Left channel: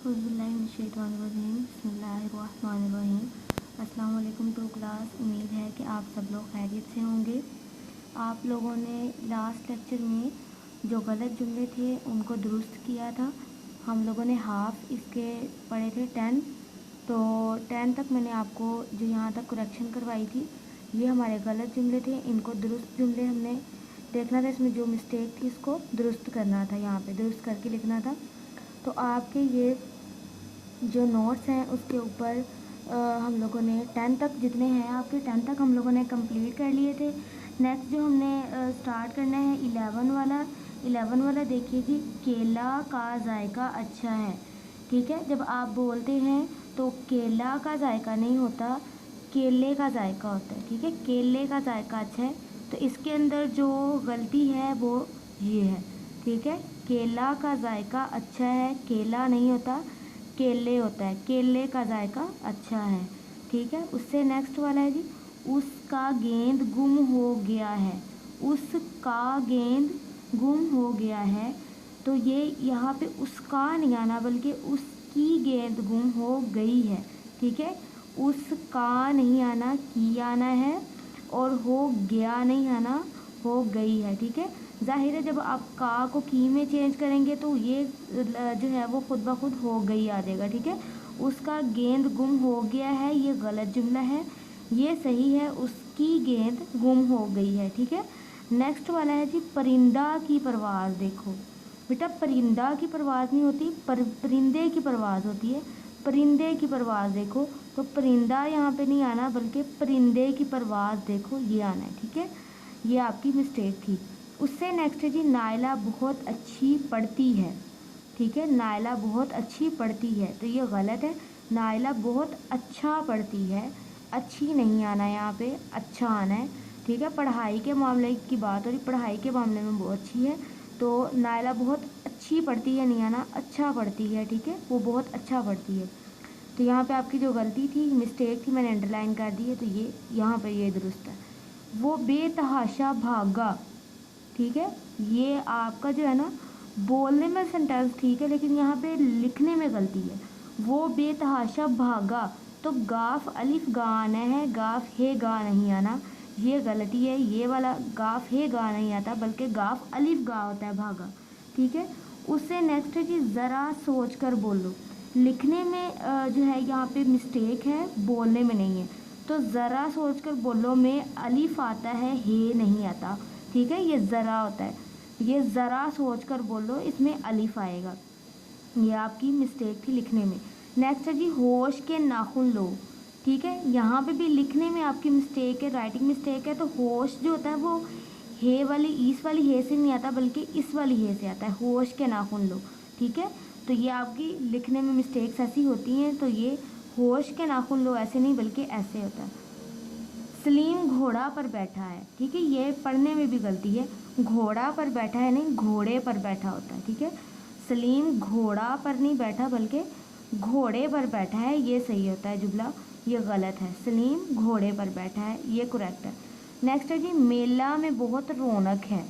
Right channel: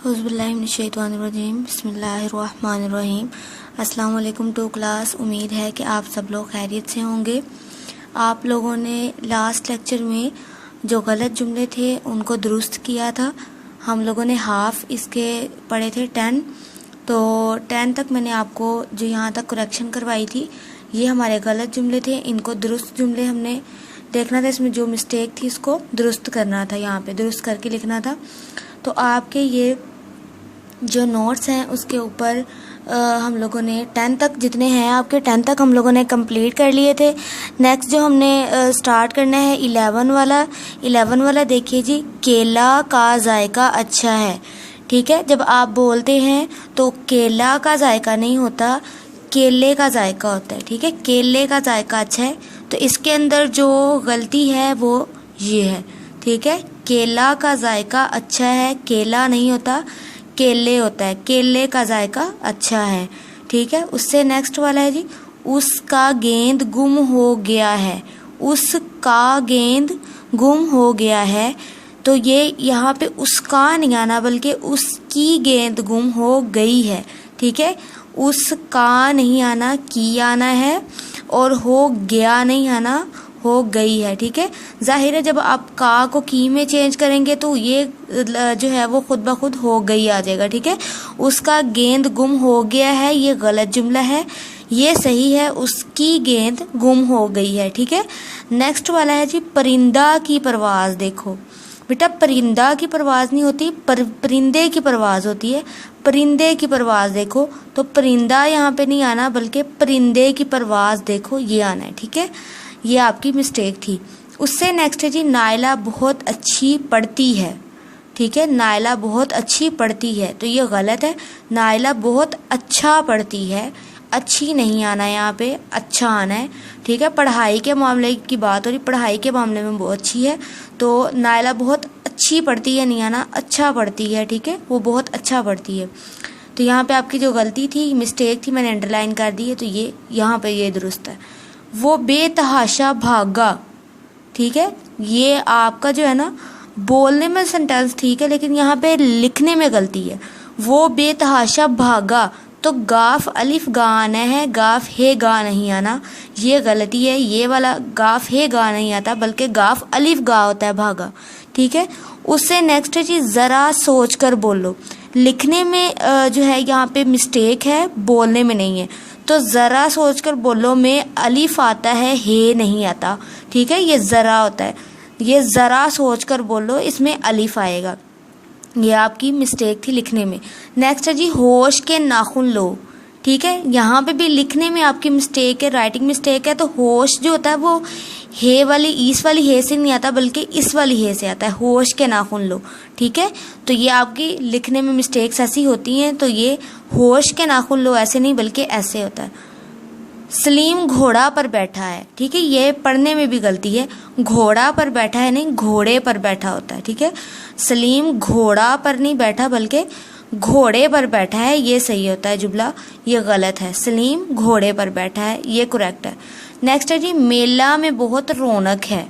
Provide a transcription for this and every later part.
औज़ुबिल्लाहिमिनश्शैतानिर्रजीम बिस्मिल्लाहिर्रहमानिर्रहीम। अस्सलाम वालेकुम टू क्लास। उम्मीद है कि आप सब लोग खैरियत से होंगे। आप लोगों ने लास्ट लेक्चर में जो गलत जुमले थे उनको दुरुस्त किया था। हम लोगों ने हाफ़ इसके पढ़े थे 10, तो 10 तक मैंने आपको जो यहाँ तक करेक्शन करवाई थी, ये हमारे गलत जुमले थे। इनको दुरुस्त जुमले हमने देखना था, इसमें जो मिस्टेक थी इसको दुरुस्त करना था, यहाँ पे दुरुस्त करके लिखना था। तो आपके ये जो नोट्स हैं उसके ऊपर हम लोगों ने 10 तक जितने हैं आपके 10 तक हम लोगों ने कंप्लीट कर लिए थे। नेक्स्ट जो हमने स्टार्ट करना है 11 वाला देखिए जी, केला का जायका अच्छा है। ठीक है, जब आप बोलते हैं तो केला का जायका नहीं होता, केले का जायका होता है। ठीक है, केले का जायका अच्छा है, तो इसके अंदर जो गलती है वो ये है। ठीक है, केला का जायका अच्छा है, केला नहीं होता, केले होता है। केले का जायका अच्छा है। ठीक है, उससे नेक्स्ट वाला है जी, उसका गेंद गुम हो गया है। उसका गेंद गुम हो गया है, तो ये यहाँ पे उसका नहीं आना बल्कि उसकी गेंद गुम हो गई है। ठीक है, उसका नहीं आना, की आना है, और हो गया नहीं आना, हो गई है। ठीक है, जाहिर है जब आप का को की में चेंज करेंगे तो ये जो है वो खुद ब खुद हो गई आ जाएगा। ठीक है, उसका गेंद गुम हो गया है, ये गलत जुमला है, ये सही है, उसकी गेंद गुम हो गई है। ठीक है, नेक्स्ट वाला है जी, परिंदा की परवाज़ देखो। बेटा परिंदा की परवाज़ नहीं होती, परिंदे की परवाज़ होती है। परिंदे की परवाज़ देखो, तो परिंदा यहाँ पे नहीं आना बल्कि परिंदे की परवाज़ देखो, ये आना है। ठीक है, ये आपकी मिस्टेक थी। उससे नेक्स्ट है जी, नायला बहुत अच्छी पढ़ती है। ठीक है, नायला बहुत अच्छी पढ़ती है, तो ये गलत है। नायला बहुत अच्छा पढ़ती है, अच्छी नहीं आना यहाँ पे, अच्छा आना है। ठीक है, पढ़ाई के मामले की बात हो रही, पढ़ाई के मामले में बहुत अच्छी है, तो नायला बहुत अच्छी पढ़ती है नहीं आना, अच्छा पढ़ती है। ठीक है, वो बहुत अच्छा पढ़ती है, तो यहाँ पे आपकी जो गलती थी, मिस्टेक थी, मैंने अंडरलाइन कर दी है, तो ये यहाँ पे ये दुरुस्त है। वो बेतहाशा भागा। ठीक है, ये आपका जो है ना बोलने में सेंटेंस ठीक है, लेकिन यहाँ पे लिखने में गलती है। वो बेतहाशा भागा, तो गाफ अलिफ गा आना है, गाफ हे गा नहीं आना, ये गलती है। ये वाला गाफ हे गा नहीं आता बल्कि गाफ अलिफ गा होता है, भागा। ठीक है, उससे नेक्स्ट है जी, ज़रा सोच कर बोलो। लिखने में जो है यहाँ पे मिस्टेक है, बोलने में नहीं है। तो ज़रा सोचकर बोलो में अलिफ आता है, हे नहीं आता। ठीक है, ये ज़रा होता है, ये ज़रा सोचकर बोलो, इसमें अलिफ आएगा। ये आपकी मिस्टेक थी लिखने में। नेक्स्ट है जी, होश के नाखून लो। ठीक है, यहाँ पे भी लिखने में आपकी मिस्टेक है, राइटिंग मिस्टेक है। तो होश जो होता है वो हे वाली, इस वाली हे से नहीं आता बल्कि इस वाली हे से आता है, होश के नाखून लो। ठीक है, तो ये आपकी लिखने में मिस्टेक्स ऐसी होती हैं, तो ये होश के नाखून लो ऐसे नहीं बल्कि ऐसे होता है। सलीम घोड़ा पर बैठा है। ठीक है, ये पढ़ने में भी गलती है, घोड़ा पर बैठा है नहीं, घोड़े पर बैठा होता है। ठीक है, सलीम घोड़ा पर नहीं बैठा बल्कि घोड़े पर बैठा है, ये सही होता है जुमला, ये गलत है। सलीम घोड़े पर बैठा है, ये करेक्ट है। नेक्स्ट है जी, मेला में बहुत रौनक है।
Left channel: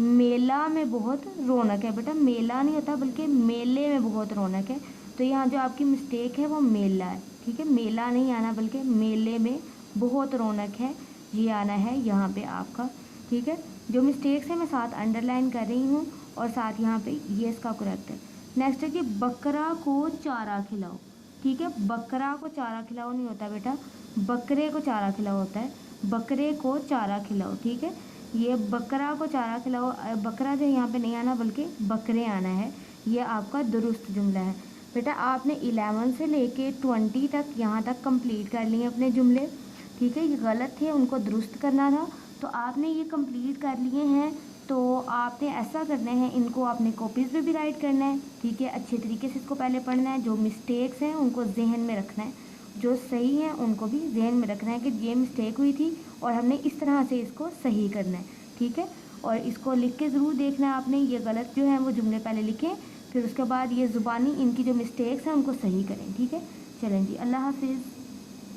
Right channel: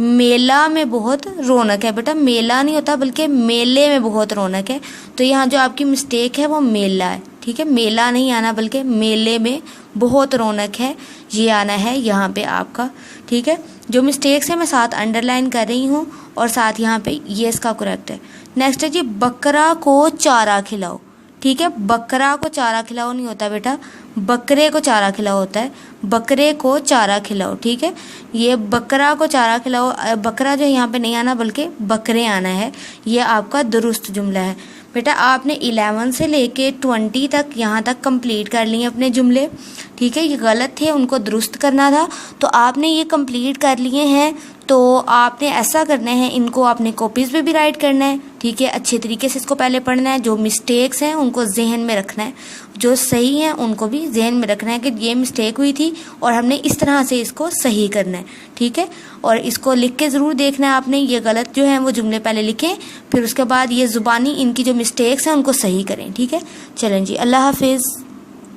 मेला में बहुत रौनक है, बेटा मेला नहीं होता बल्कि मेले में बहुत रौनक है, तो यहाँ जो आपकी मिस्टेक है वो मेला है। ठीक है, मेला नहीं आना बल्कि मेले में बहुत रौनक है, ये आना है यहाँ पे आपका। ठीक है, जो मिस्टेक्स है मैं साथ अंडरलाइन कर रही हूँ और साथ यहाँ पे ये इसका करेक्ट है। नेक्स्ट है जी, बकरा को चारा खिलाओ। ठीक है, बकरा को चारा खिलाओ नहीं होता बेटा, बकरे को चारा खिलाओ होता है, बकरे को चारा खिलाओ। ठीक है, ये बकरा को चारा खिलाओ, बकरा जो यहाँ पे नहीं आना बल्कि बकरे आना है, ये आपका दुरुस्त जुमला है। बेटा आपने 11 से लेके 20 तक यहाँ तक कंप्लीट कर लिए अपने जुमले। ठीक है, ये गलत थे, उनको दुरुस्त करना था, तो आपने ये कंप्लीट कर लिए हैं। तो आपने ऐसा करना है, इनको आपने कॉपीज़ पे भी राइट करना है। ठीक है, अच्छे तरीके से इसको पहले पढ़ना है, जो मिस्टेक्स हैं उनको जहन में रखना है, जो सही हैं उनको भी जहन में रखना है कि ये मिस्टेक हुई थी और हमने इस तरह से इसको सही करना है। ठीक है, और इसको लिख के ज़रूर देखना है आपने, ये गलत जो हैं वो जुमले पहले लिखें, फिर उसके बाद ये ज़ुबानी इनकी जो मिस्टेक्स हैं उनको सही करें। ठीक है, चलें जी, अल्लाह हाफिज़।